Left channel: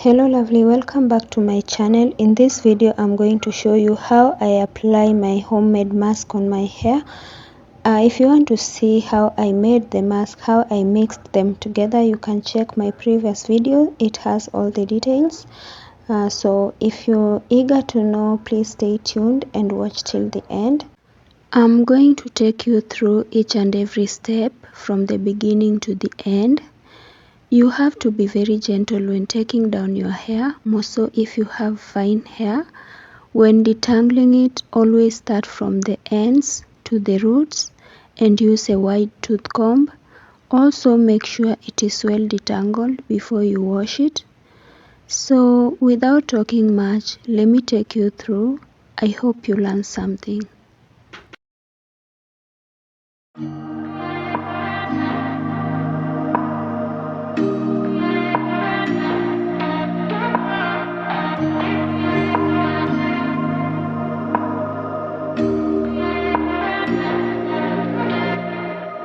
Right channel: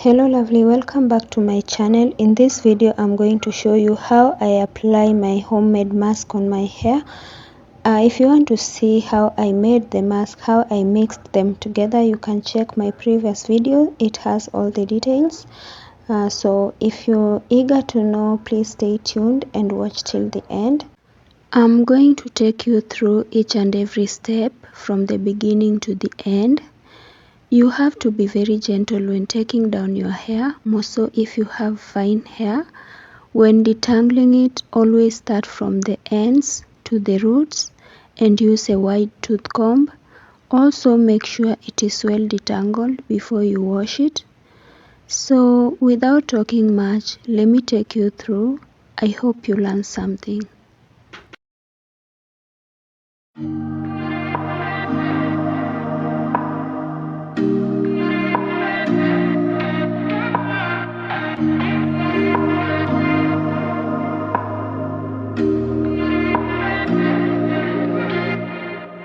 Hello lovely, welcome back to my channel. In this video I'm going to show you how I apply my homemade mask on my hair. If you want to see how I made the mask, how I mixed them together, you can check my previous video. It has all the details. So if you're eager to know, please stay tuned and watch till the end. I'm going to take you through each and every step from the beginning to the end. You have to be very gentle when taking down your hair, more so if you have fine hair. When detangling it, always start from the ends to the roots and use a wide tooth comb. Also make sure it is well detangled before you wash it. So without talking much, let me take you through. I hope you learn something.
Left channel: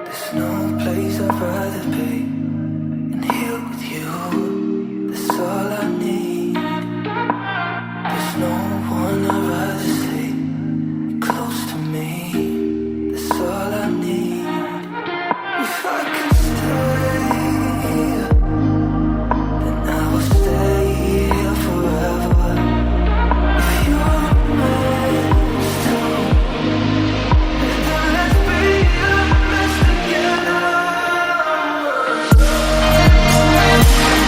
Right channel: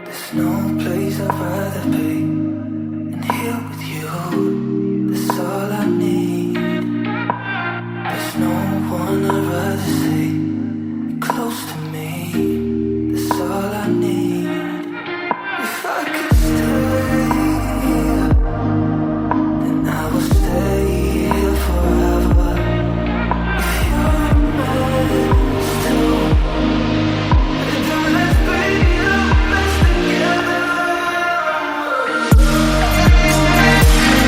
There's no place I'd rather be than here with you. That's all I need. There's no one I'd rather see close to me. That's all I need. If I could stay, then I will stay here forever. If you're meant to, then let's be the best together. Let's be the best together.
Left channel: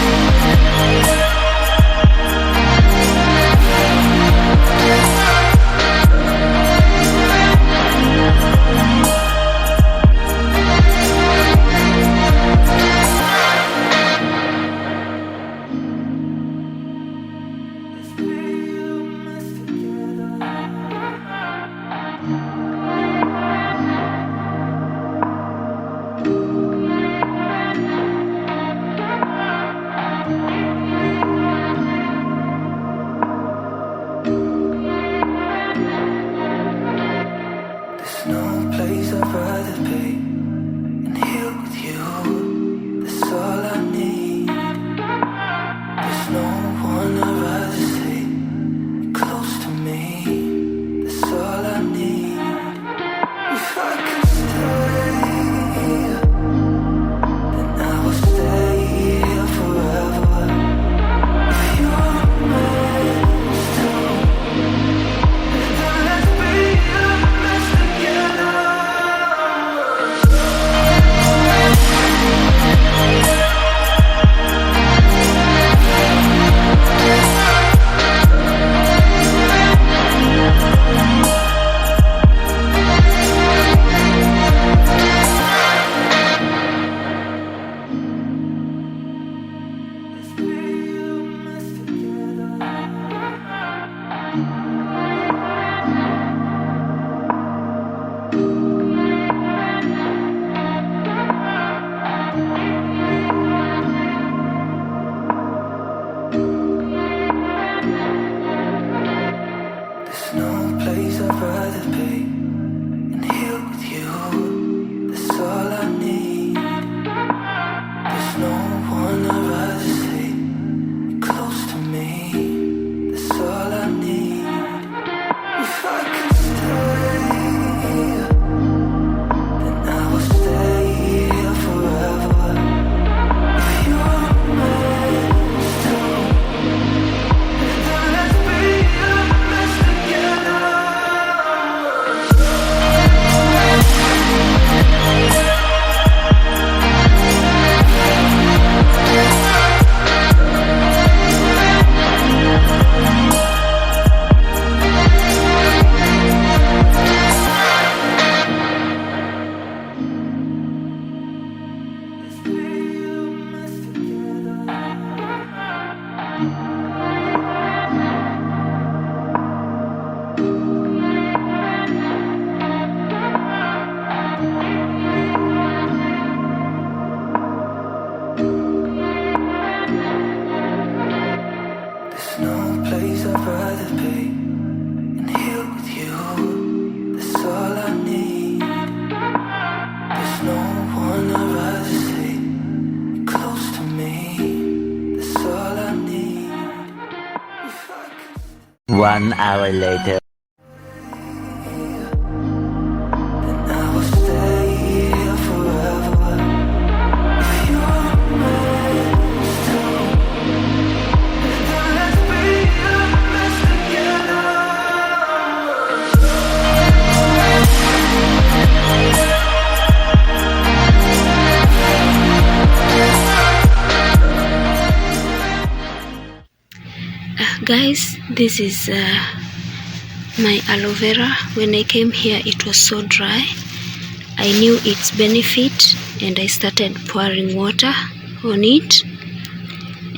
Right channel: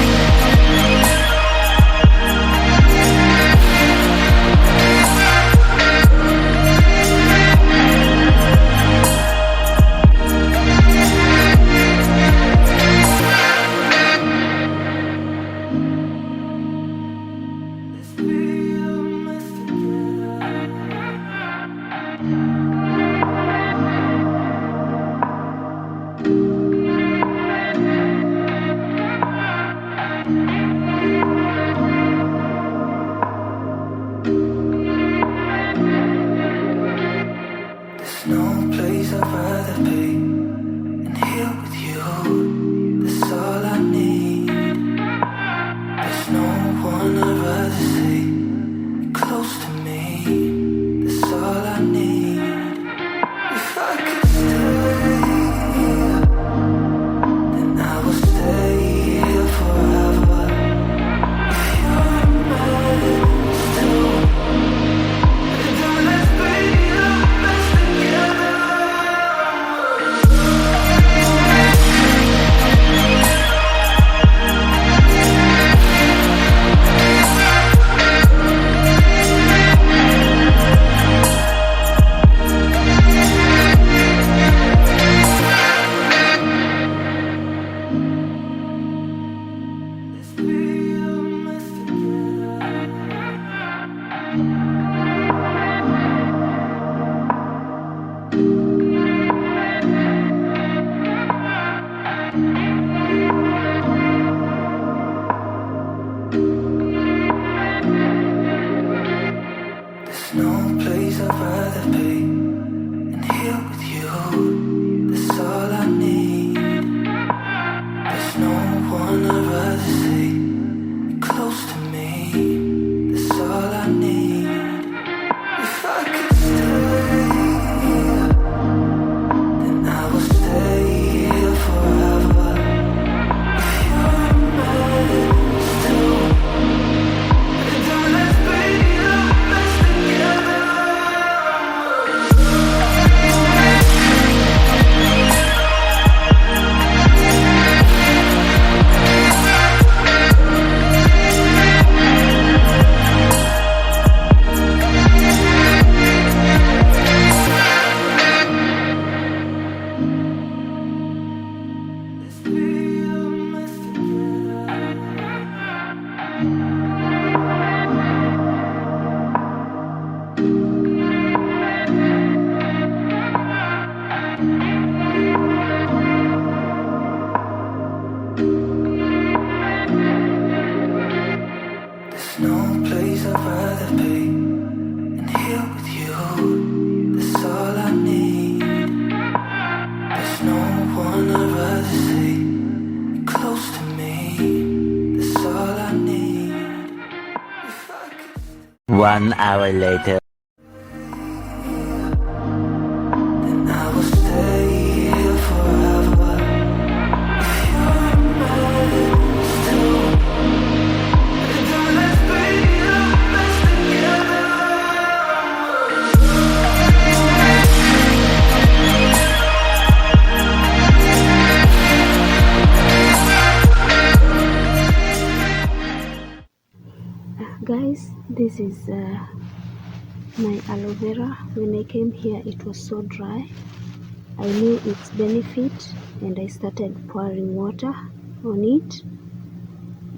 There's no place I'd rather be than here with you. That's all I need. There's no one I'd rather see close to me. That's all I need. If I could stay, then I will stay here forever. If you're meant to, then let's be the best together. Let's be the best together. There's no place I'd rather be than here with you. That's all I need. There's no one I'd rather see close to me. That's all I need. If I could stay, then I will stay here forever. If you're meant to, then let's be the best together. Let's be the best together. There's no place I'd rather be than here with you. That's all I need. There's no one I'd rather see close to me. That's all I need. 1 hour later. And I will stay here forever. If you're meant to, then let's be the best together. Guys, this is my aloe vera. When I came here it was so dry. I knew its benefit and I started pouring water on it,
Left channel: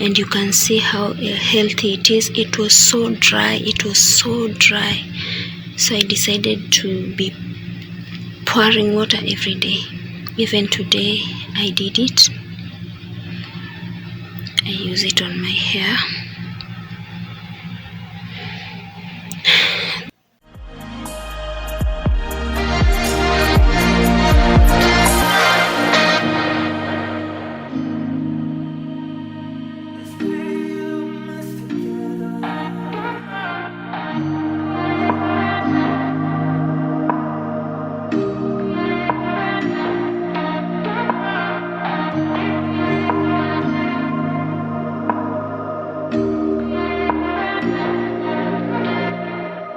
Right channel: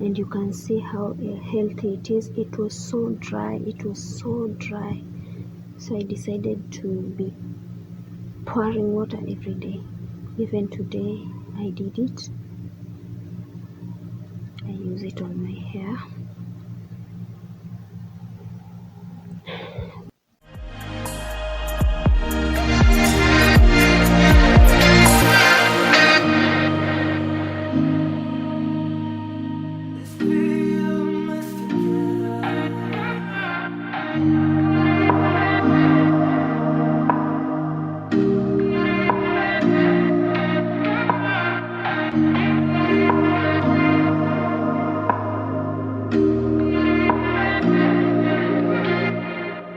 and you can see how healthy it is. It was so dry, so I decided to be pouring water every day. Even today I did it. I use it on my hair.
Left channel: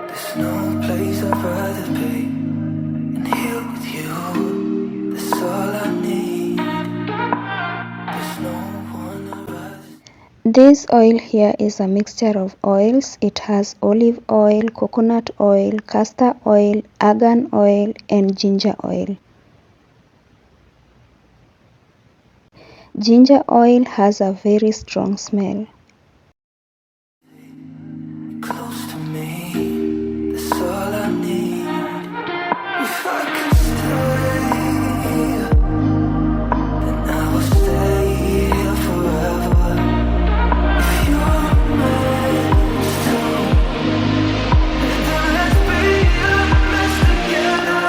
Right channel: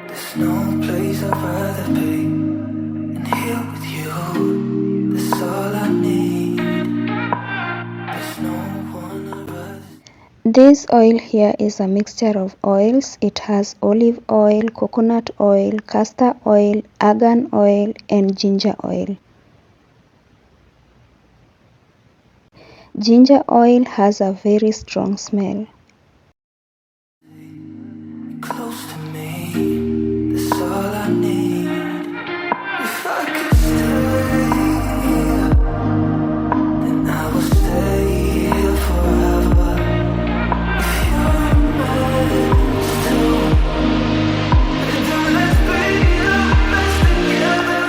There's no place I'd rather be than here with you. That's all I need. There's no one I'd rather. This oil here is a mixture of oils. It has olive oil, coconut oil, castor oil, argan oil, and ginger oil. Ginger oil has a very strong smell. Close to me, that's all I need. If I could stay, then I will stay here forever. If you're meant to, then let's be the best together.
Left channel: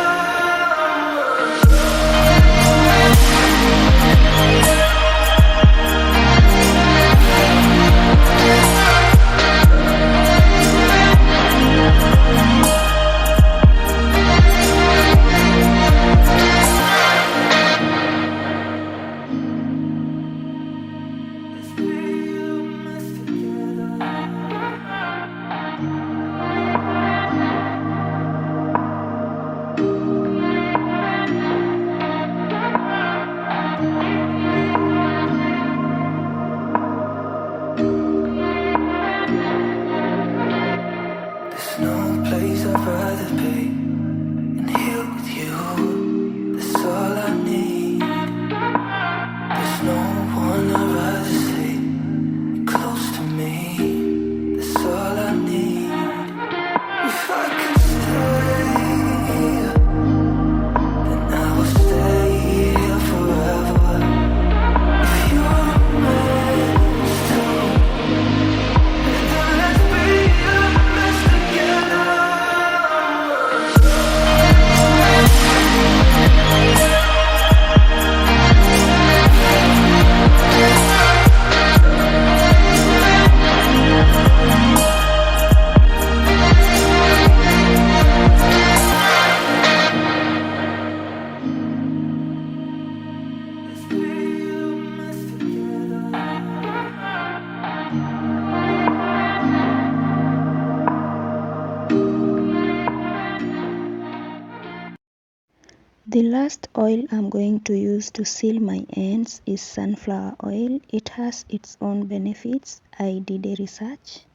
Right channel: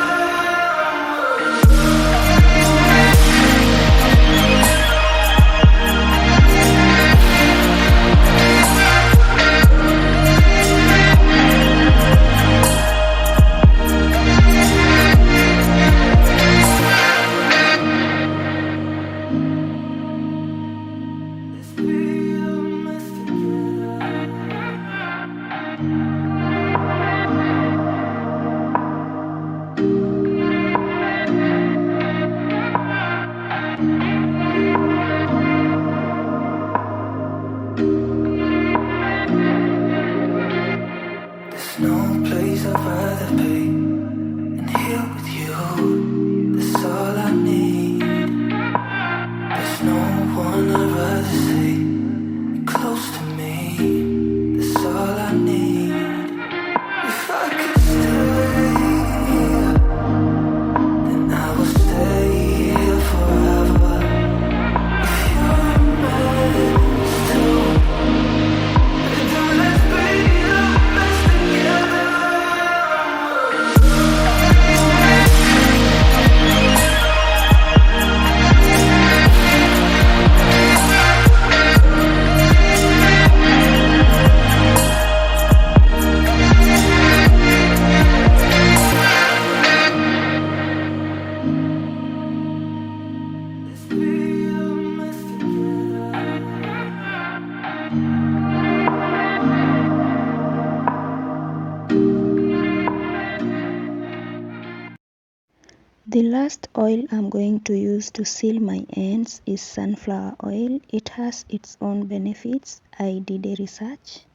There's no place I'd rather be than here with you. That's all I need. There's no one I'd rather see close to me. That's all I need. If I could stay, then I will stay here forever. If you're meant to, then let's be the best together. The last oil I'm going to use to seal my ends is sunflower oil. It has its own benefits. I did a research.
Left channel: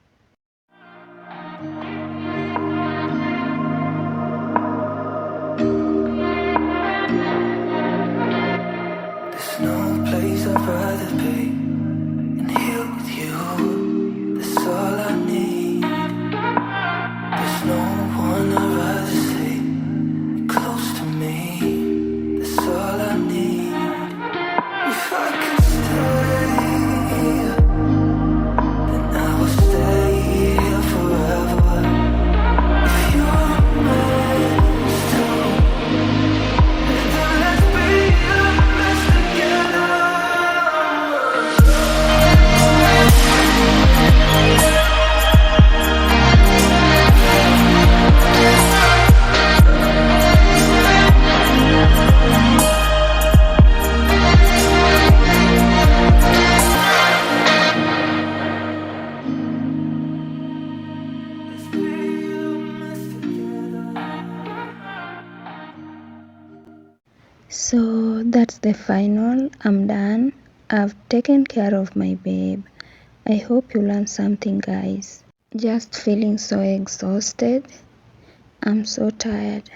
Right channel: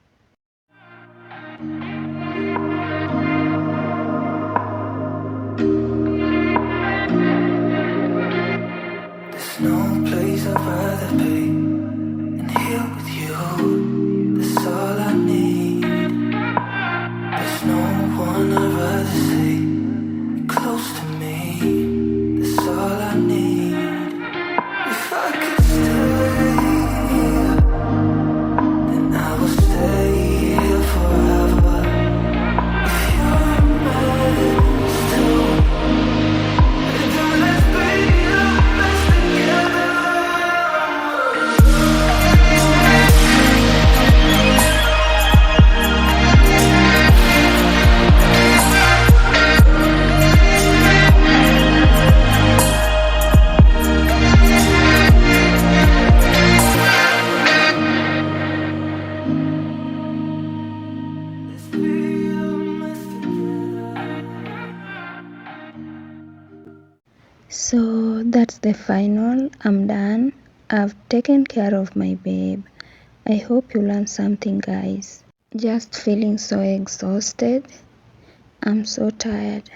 There's no place I'd rather be than here with you. That's all I need. There's no one I'd rather see close to me. That's all I need. If I could stay, then I will stay here forever. If you're meant to, then let's be the best together. That's the final. I'm done. I've taken care of my babe. I hope you learned something, guys. Just feeling so exhausted. I'm so tired.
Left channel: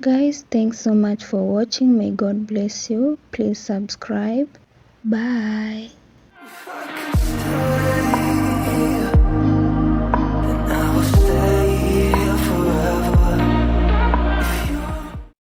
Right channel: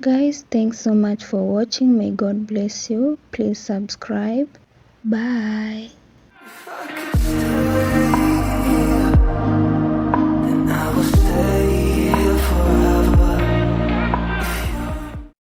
Guys, thanks so much for watching. May God bless you. Please subscribe. Bye.